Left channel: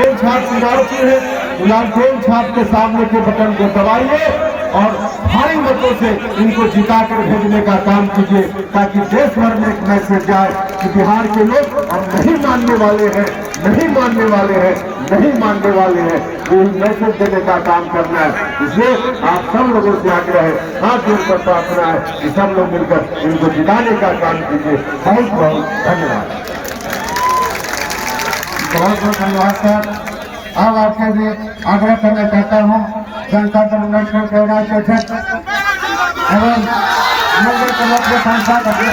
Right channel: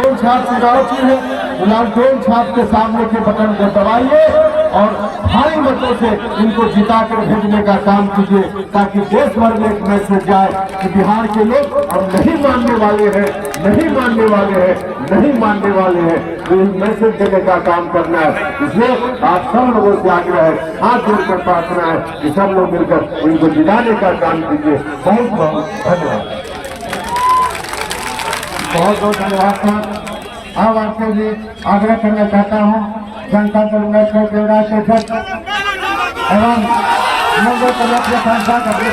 छाप चुनाव की है, लालटेन छाप के सामने के बटन को दबाइए और भारी मतों से इनको जिताकर भेजने का काम कीजिए, ताकि देश भर में एक मैसेज जाए कि बिहार के लोग हम नहीं मानने वाले हैं, नहीं मानने वाले हैं, नहीं मानने वाले हैं। तो मैसेज देने का काम करना है। इसलिए आप सब लोगों से आग्रह है, हाथ जोड़कर प्रार्थना है कि सब लोग मिलकर इनको जिताने का काम कीजिए। बहुत बहुत धन्यवाद। बहुत बहुत धन्यवाद सर। अब आपके लिए आग्रह करना चाहता हूँ जनता दल यूनाइटेड के राज्य अध्यक्ष एवं नगर क्लब के सांसद अपने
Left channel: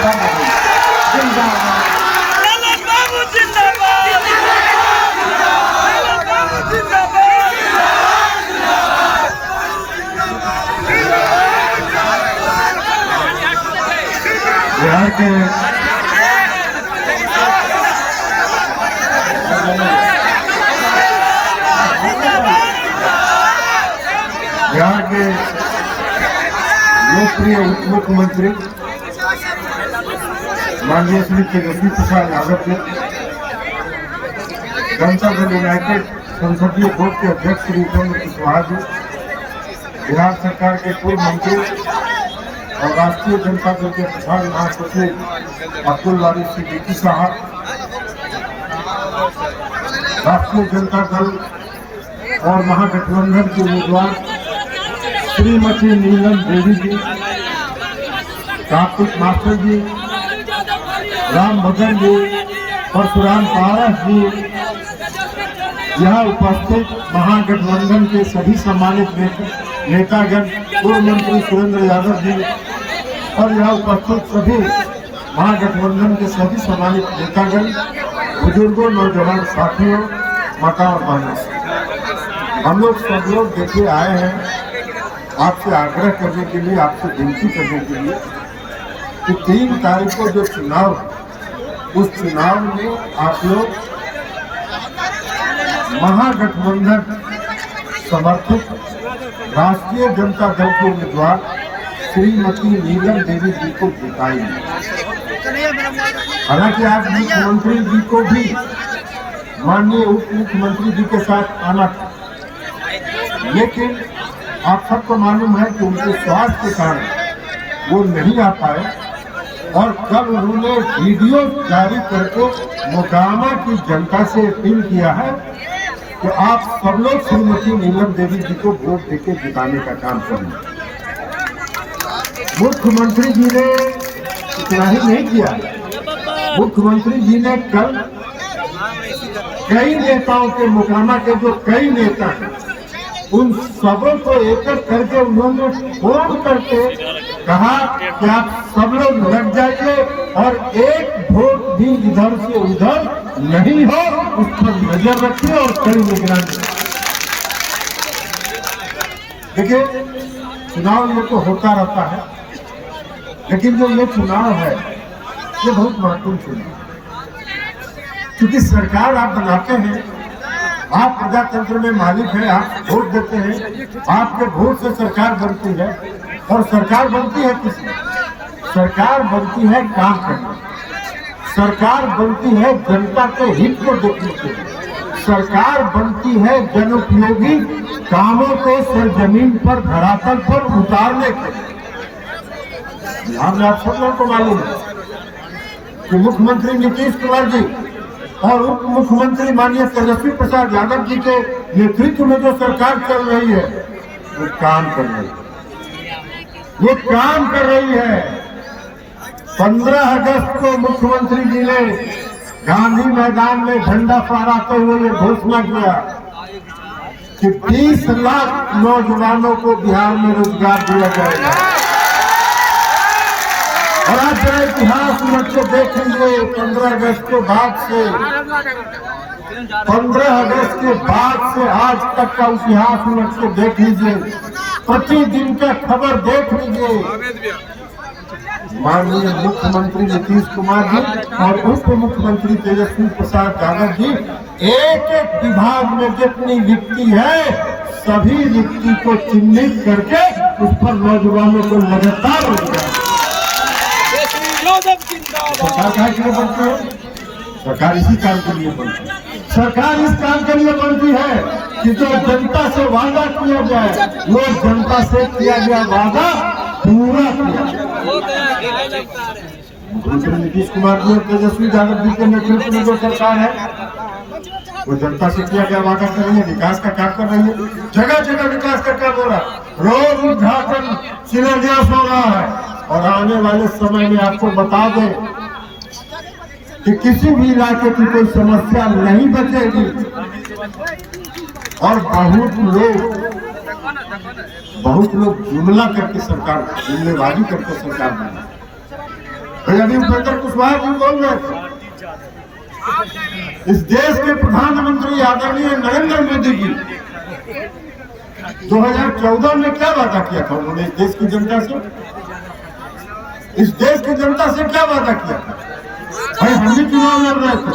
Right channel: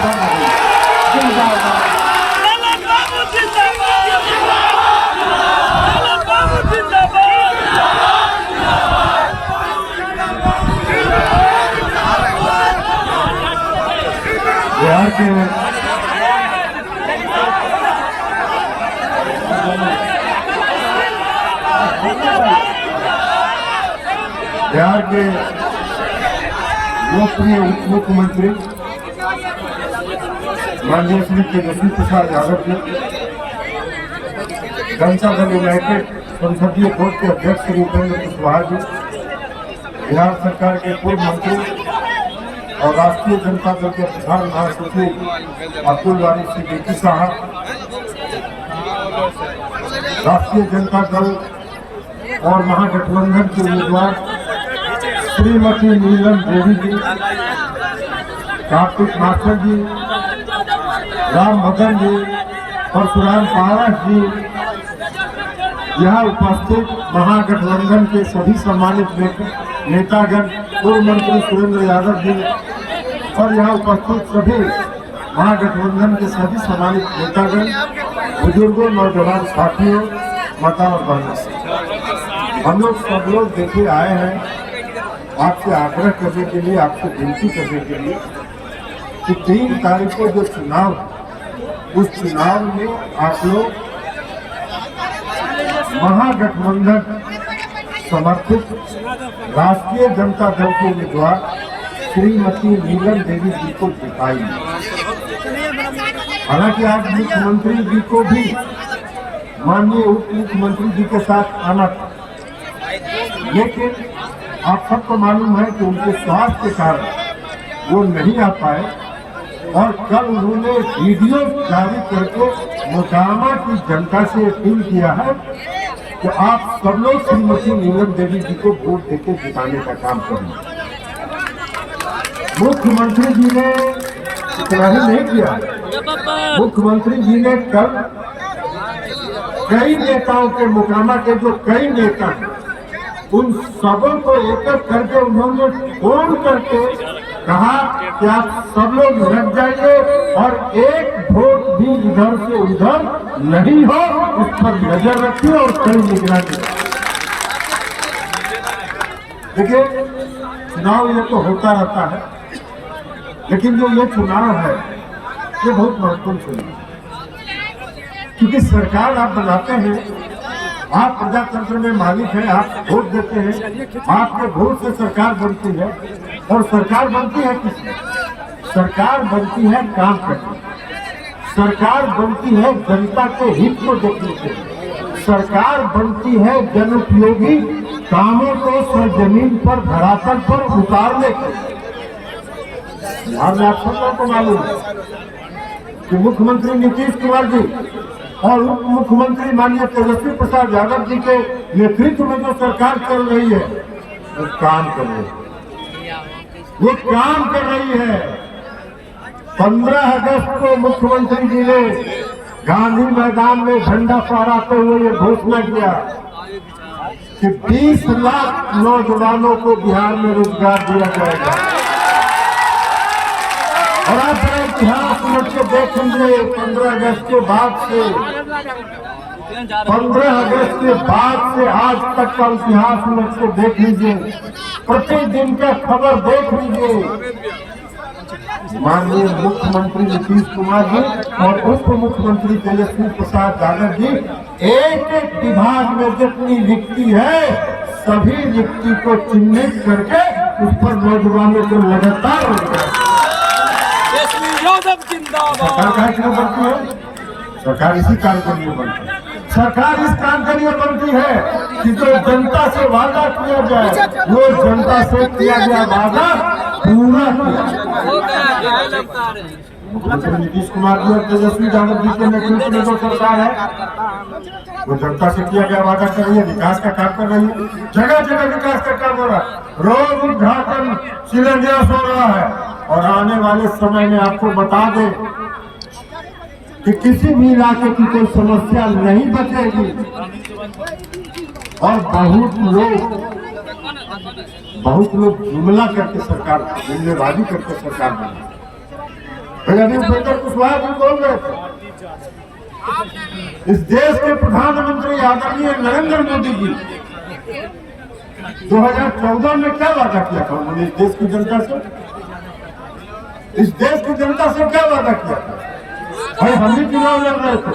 बिहार के बिहार के लोकप्रिय मुख्यमंत्री माननीय श्री तेजस्वी प्रसाद यादव जी, जनता दल यूनाइटेड संसदीय बोर्ड के अध्यक्ष श्री उपेंद्र कुशवाहा जी, बिहार सरकार के पूर्व मंत्री और राष्ट्रीय जनता दल के प्रधान महासचिव अब्दुल वारी सिद्दीकी साहब, राष्ट्रीय जनता दल और महागठबंधन के उम्मीदवार श्रीमती नीलम देवी जी, कार्तिक मास्टर जी, राम भगन जी, परशुराम पारस जी, यहाँ उपस्थित महागठबंधन के सभी सम्मानित नेतागण, पूर्व मंत्री सुरेंद्र यादव जी और यहाँ उपस्थित सभी महागठबंधन के सभी सम्मानित नेतागण, बुजुर्गों, नौजवान साथियों, माताओं और बहनों, हम लोग सब लोग देखिए आए हैं आपसे आग्रह करने के लिए, आपसे विनती करने के लिए कि 3 तारीख को जो चुनाव, उस चुनाव में आप लोग महागठबंधन समर्थित राष्ट्रीय जनता दल के उम्मीदवार श्रीमती नीलम देवी जी को जिताइए। हालांकि आज मुख्यमंत्री जी को भी माननीय उप मुख्यमंत्री जी के साथ आना था, लेकिन आप सबको मालूम है कि उनके स्वास्थ्य के कारण वो नहीं आ पाए और कल उन्होंने वीडियो जारी करके मोकामा की जनता से अपील किया है कि आप सब लोग श्रीमती नीलम देवी जी को वोट देके जिताने का काम करें। मुख्यमंत्री जी ने इतना ही नहीं किया, मुख्यमंत्री जी ने कल कई नेताओं के, मोकामा के जो कई नेता हैं, उन सबों को एकत्र करके उन्होंने फोन करके कहा कि आप सब लोग लग जाइए और एक वोट भी इधर से उधर नहीं हो, उस पर नजर रखिए और कई निगरानी। देखिए चुनाव ये तो होता रहता है, लेकिन जो ये चुनाव है ये बहुत महत्वपूर्ण चुनाव है, क्योंकि सरकार आप बनाते हैं, आप प्रजातंत्र में मालिक हैं, आप वोट देते हैं, आपके वोट से सरकार बनती है। और सरकार बनती है किसमें? सरकार बनती है काम करने, सरकार बनती है जनता के हित को देखने के लिए, सरकार बनती है जनोपयोगी कामों को सरजमीन पर, धरातल पर उतारने के लिए। आप सब लोगों को मालूम है कि मुख्यमंत्री नीतीश कुमार जी और उप मुख्यमंत्री माननीय तेजस्वी प्रसाद यादव जी के नेतृत्व में जो सरकार चल रही है वो काम कर रही है, वो काम कर रही है। 15 अगस्त को मुख्यमंत्री जी ने गांधी मैदान में झंडा फहराते हुए ये घोषणा किया कि 20 लाख नौजवानों को बिहार में रोजगार दिया जाएगा। और आप जरा इतिहास में देख लीजिए, 15 अगस्त के बाद से 15 अगस्त के बाद से आज तक का इतिहास में से देख लीजिए, प्रतिदिन का खबर देख लीजिए। माननीय मुख्यमंत्री नीतीश कुमार जी और उप मुख्यमंत्री तेजस्वी प्रसाद यादव जी एक एक विभाग में जितनी रिक्ति है, सभी रिक्ति को चिन्हित करके उस पर नौजवानों को लगातार रोजगार। सरकार क्या के लिए बनती है? सरकार इसी काम के लिए बनती है। सरकार इस काम के लिए बनती है कि जो जनता से वादा किया जाए वो जनता से किया गया वादा पूरा किया। मुख्यमंत्री नीतीश कुमार जी और तेजस्वी यादव जी के नेतृत्व में जो सरकार है वो जनता से किया गया वादा कर रही है, विकास का काम कर रही है, जगह जगह विकास का काम हो रहा है, रोज उद्घाटन शिलान्यास हो रहा है। और आने वाले समय में आपको बता दें कि किसी भी इलाके की कोई समस्या नहीं बचेगी। और बहुत लोग जुमला करके सरकार, जुमलेबाजी करके सरकार बना। अभी उपेंद्र कुशवाहा जी बोल रहे थे, इस देश के प्रधानमंत्री आदरणीय नरेंद्र मोदी जी 2014 में क्या वादा किया था उन्होंने इस देश की जनता से? इस देश की जनता से क्या वादा किया था? भाई हम भी चुनाव लड़ रहे थे,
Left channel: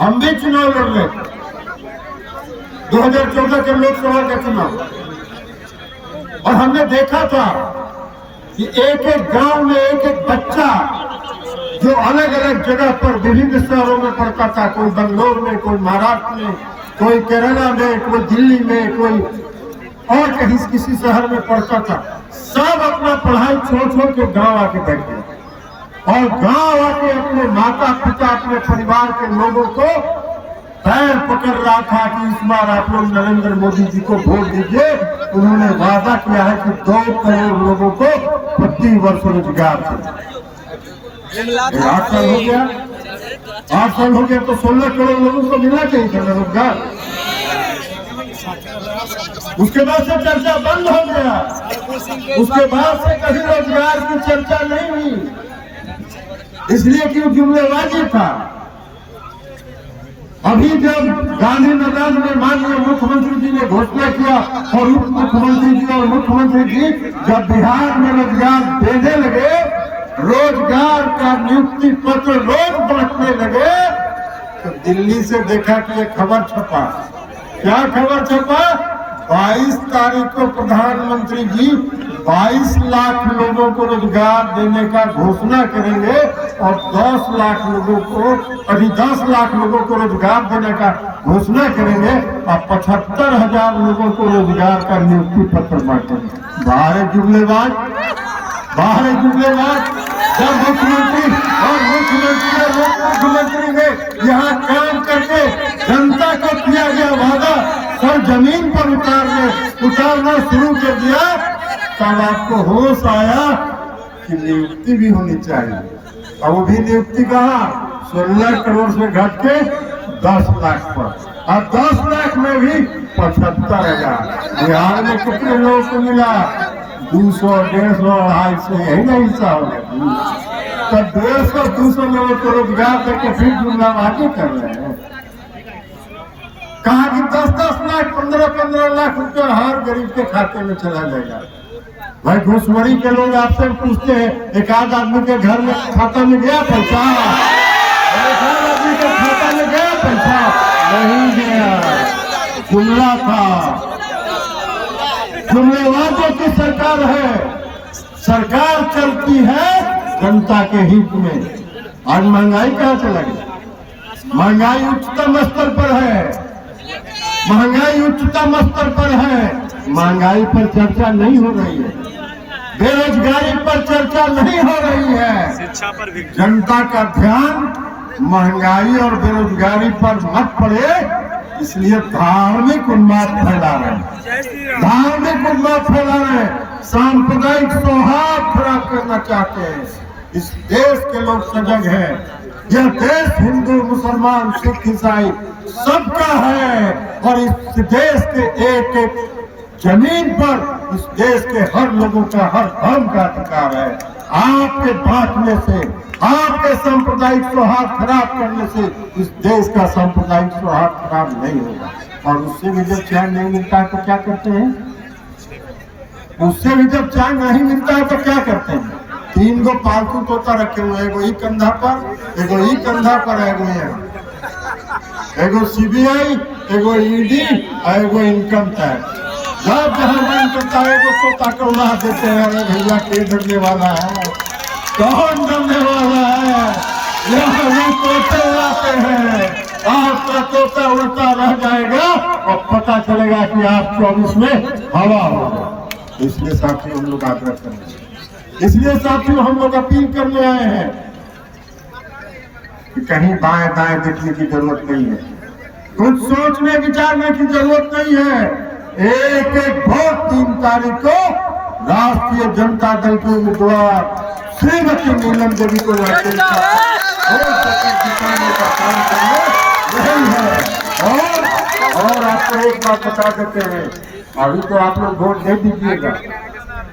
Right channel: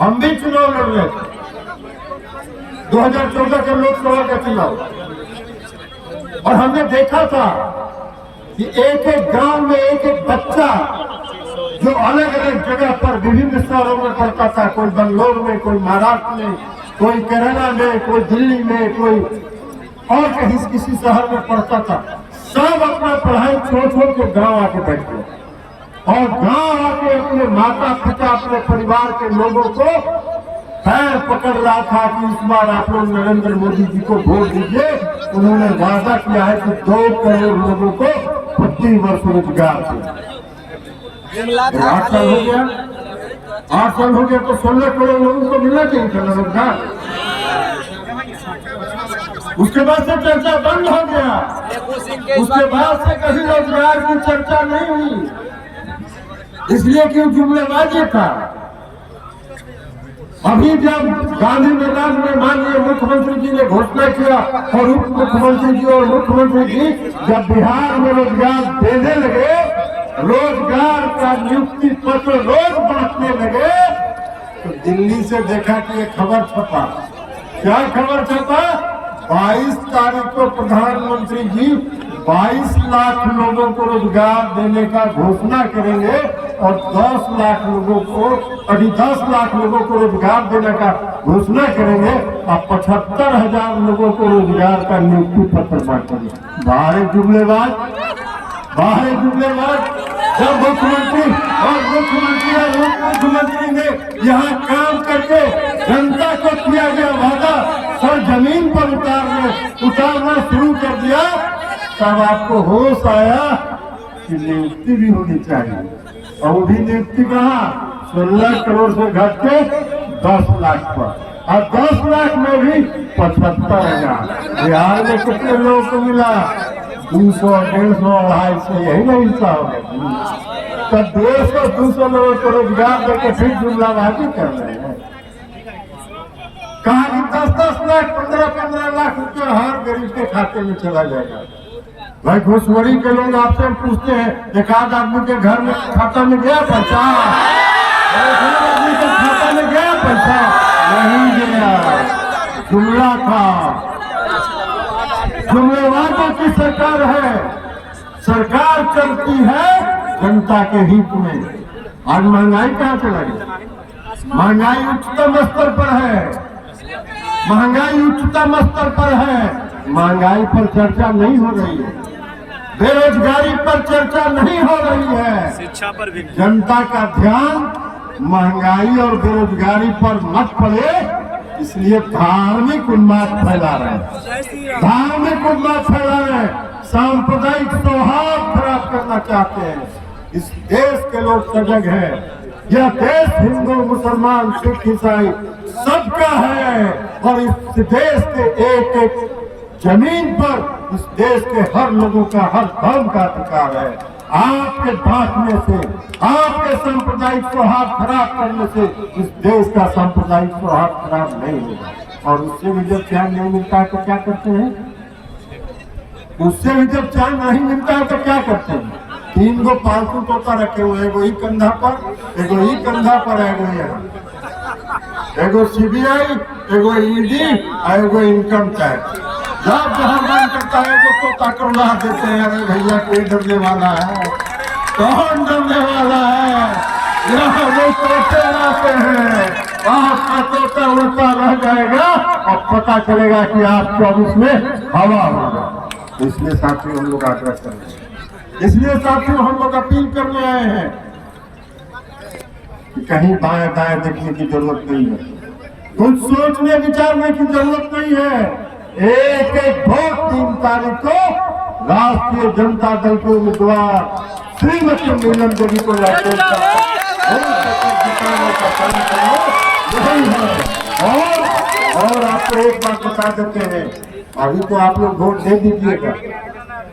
हम भी चुनाव लड़ रहे थे 2014 के लोकसभा का चुनाव। और हमने देखा था कि एक एक गांव में एक एक बच्चा जो अलग अलग जगह पर विभिन्न शहरों में पढ़ता था, कोई बंगलोर में, कोई महाराष्ट्र में, कोई केरला में, कोई दिल्ली में, कोई और कहीं किसी शहर में पढ़ता था, सब अपना पढ़ाई छोड़ के गांव आके बैठ गए और गांव आके अपने माता पिता, अपने परिवार के लोगों को पैर पकड़ रहा था कि इस बार आप लोग नरेंद्र मोदी जी को वोट दीजिए। उन्होंने वादा किया है कि 2 करोड़ लोगों को प्रति वर्ष रोजगार दें। 8 साल हो गया, 8 साल हो गया तो 16 करोड़ लोगों को मिलना चाहिए था रोजगार। उसके बाद से चर्चा बंद हो गया, उसके बाद से कहीं रोजगार की चर्चा नहीं हुई, इसलिए कि जुमलेबाजी था। अभी जब गांधी मैदान में माननीय मुख्यमंत्री जी ने घोषणा किया और उप मुख्यमंत्री जी और मुख्यमंत्री जी जब बिहार में रोजगार देने लगे, रोजगार का नियुक्ति पत्र रोज बांटने लगे, तो दिल्ली से देखा कि एक खबर छपा। क्या खबर छपा? 22 तारीख को प्रधानमंत्री जी 22 लाख लोगों को रोजगार देने का घोषणा करेंगे और 10 लाख लोगों को रोजगार देने का घोषणा करेंगे और 75,000 लोगों को रोजगार का नियुक्ति पत्र बांटेंगे। बाहर जुमलेबाज। जब मुख्यमंत्री और मुख्यमंत्री ने यहाँ काम करके जनता को किया गया वादा सर जमीन पर उतारना शुरू कर दिया, तब आपको होश आया कि नियुक्ति भी होनी चाहिए। और वो भी नियुक्ति कहाँ? 16 करोड़ से घट के 10 लाख पर, और 10 लाख में भी 75,000। बिहार में कितने लोगों को मिला? 200, 150, 250, यही नहीं हिसाब है। तो 150, 200 लोगों को रोजगार देके फिर जुमलाबाजी कर रहे हैं। कहा कि 10-10 लाख, 15-15 लाख रुपया हर गरीब के खाते में चला जाएगा। भाई घुसखोरी के लोग आपसे पूछते हैं, एक आध आदमी के घर में खाता में गया पैसा? आदमी के खाता में गया पैसा? नहीं गया, जुमला था। जुमलेबाजों की सरकार है। सरकार चलती है जनता के हित में। आज महंगाई कहाँ चला गया? महंगाई उच्चतम स्तर पर है, महंगाई पर चर्चा नहीं हो रही है, बेरोजगारी पर चर्चा नहीं हो रही है। शिक्षा पर भी जनता का ध्यान महंगाई और बेरोजगारी पर मत पड़े, इसलिए धार्मिक उन्माद फैला रहे हैं, सांप्रदायिक सौहार्द खराब करना चाहते हैं। इस देश के लोग सजग हैं। यह देश हिंदू, मुसलमान, सिख, ईसाई सबका है और इस देश के एक एक जमीन पर इस देश के हर लोगों का, हर धर्म का अधिकार है। आपके बांटने से, आपके सांप्रदायिक सौहार्द खराब करने से इस देश का सांप्रदायिक सौहार्द खराब नहीं होगा। और उससे भी जब चैन नहीं मिलता है तो क्या करते हैं? 3 गो पालतू तोता रखे हुए हैं, एगो ई कंधा पर, एगो ई कंधा पर, एगो CBI, एगो ED, एगो इनकम टैक्स। जब जहाँ मन करता है एगो तोता को उड़ा देते हैं। अरे भैया, के डरने वाला है? कौन डरने वाला है? यहाँ वो तोते आते हैं, आपका तोता उड़ता रह जाएगा और पता चलेगा कि आप 24 में हवा होगा। इसलिए साथियों हम लोग आग्रह कर रहे हैं, इसलिए साथियों हम लोग अपील करने आए हैं कि कहीं बाएं दाएं देखने की जरूरत नहीं है, कुछ सोचने विचारने की जरूरत नहीं है। एक एक वोट 3 तारीख को राष्ट्रीय जनता दल के उम्मीदवार श्रीमती नीलम देवी को जिताने का काम करना यही है। और आपको एक बात बता देते हैं, अभी तो आप लोग वोट दे दीजिएगा,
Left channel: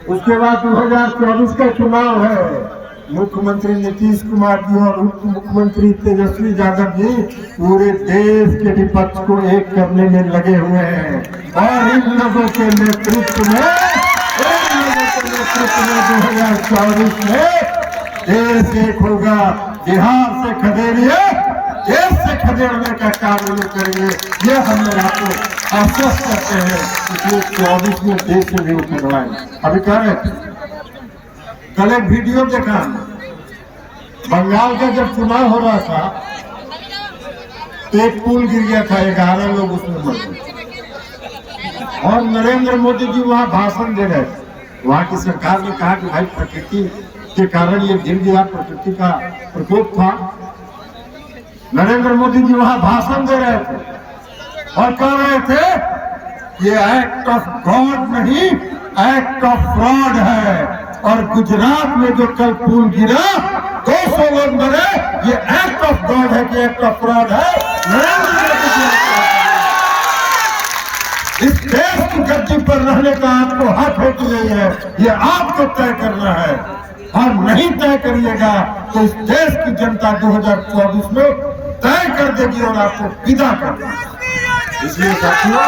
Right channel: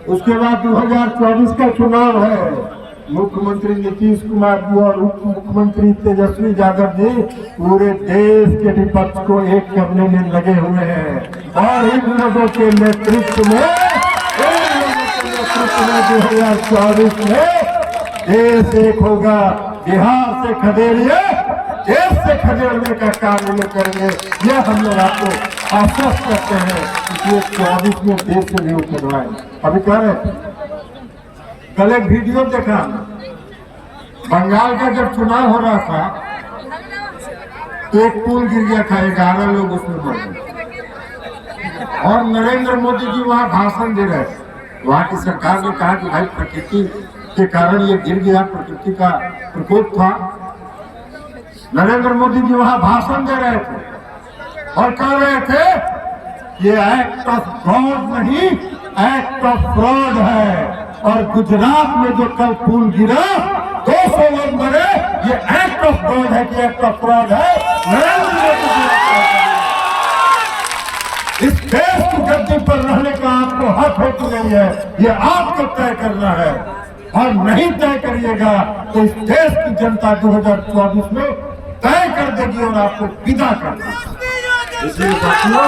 उसके बाद 2024 का चुनाव है। मुख्यमंत्री नीतीश कुमार जी और उप मुख्यमंत्री तेजस्वी यादव जी पूरे देश के विपक्ष को एक करने में लगे हुए हैं और इन लोगों के नेतृत्व में 2024 में देश एक होगा। बिहार से खदेड़िए, देश से खदेड़ने का काम ये लोग करेंगे, यह हम लोग आपको आश्वस्त करते हैं। इसलिए 24 में देश से भी उठवाएं। अभी कह रहे थे, कल एक वीडियो देखा, बंगाल का जब चुनाव हो रहा था तो एक पुल गिर गया था, 11 लोग उसमें मर गए और नरेंद्र मोदी जी वहां भाषण दे रहे थे। वहां की सरकार ने कहा कि भाई प्रकृति के कारण ये गिर गया, प्रकृति का प्रकोप था। नरेंद्र मोदी जी वहां भाषण दे रहे थे और कह रहे थे ये एक्ट ऑफ गॉड नहीं, एक्ट ऑफ फ्रॉड है। और गुजरात में जो कल पुल गिरा, 200 लोग मरे, ये एक्ट ऑफ गॉड है कि एक्ट ऑफ फ्रॉड है? नरेंद्र मोदी जी इस देश की गद्दी पर रहने का आपको हक है कि नहीं है, ये आपको तय करना है। और नहीं तय करिएगा तो इस देश की जनता 2024 में तय कर देगी और आपको विदा कर देगी। इसलिए साथियों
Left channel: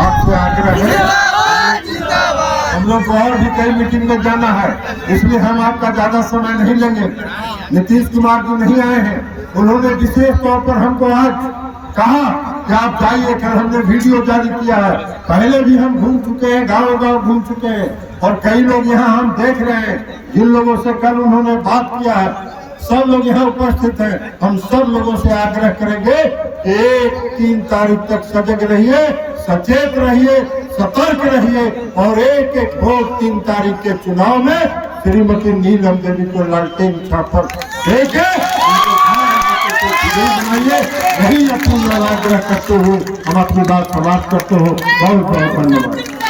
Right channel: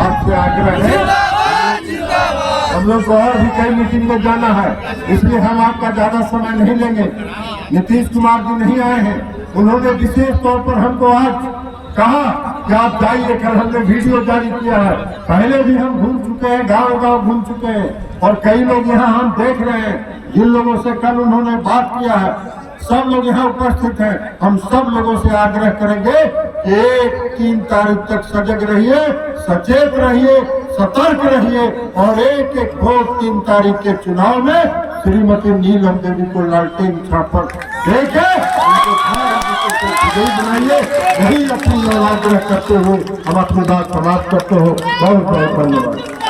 आपको आग्रह है, हम लोग को और भी कई मीटिंग में जाना है, इसलिए हम आपका ज्यादा समय नहीं लेंगे। नीतीश कुमार जी नहीं आए हैं, उन्होंने विशेष तौर पर हमको आज कहा कि आप जाइए, कल हमने वीडियो जारी किया है। पहले भी हम घूम चुके हैं, गांव गांव घूम चुके हैं और कई लोग यहाँ हम देख रहे हैं, जिन लोगों से कल उन्होंने बात किया है, सब लोग यहाँ उपस्थित हैं। हम सब लोगों से आग्रह करेंगे कि 3 तारीख तक सजग रहिए, सचेत रहिए, सतर्क रहिए और एक एक वोट 3 तारीख के चुनाव में श्रीमती नीलम देवी को लालटेन छापर देके उनको बनाइए। यही अपनी आग्रह करते हुए हम अपनी बात समाप्त करते हो। बहुत बहुत धन्यवाद।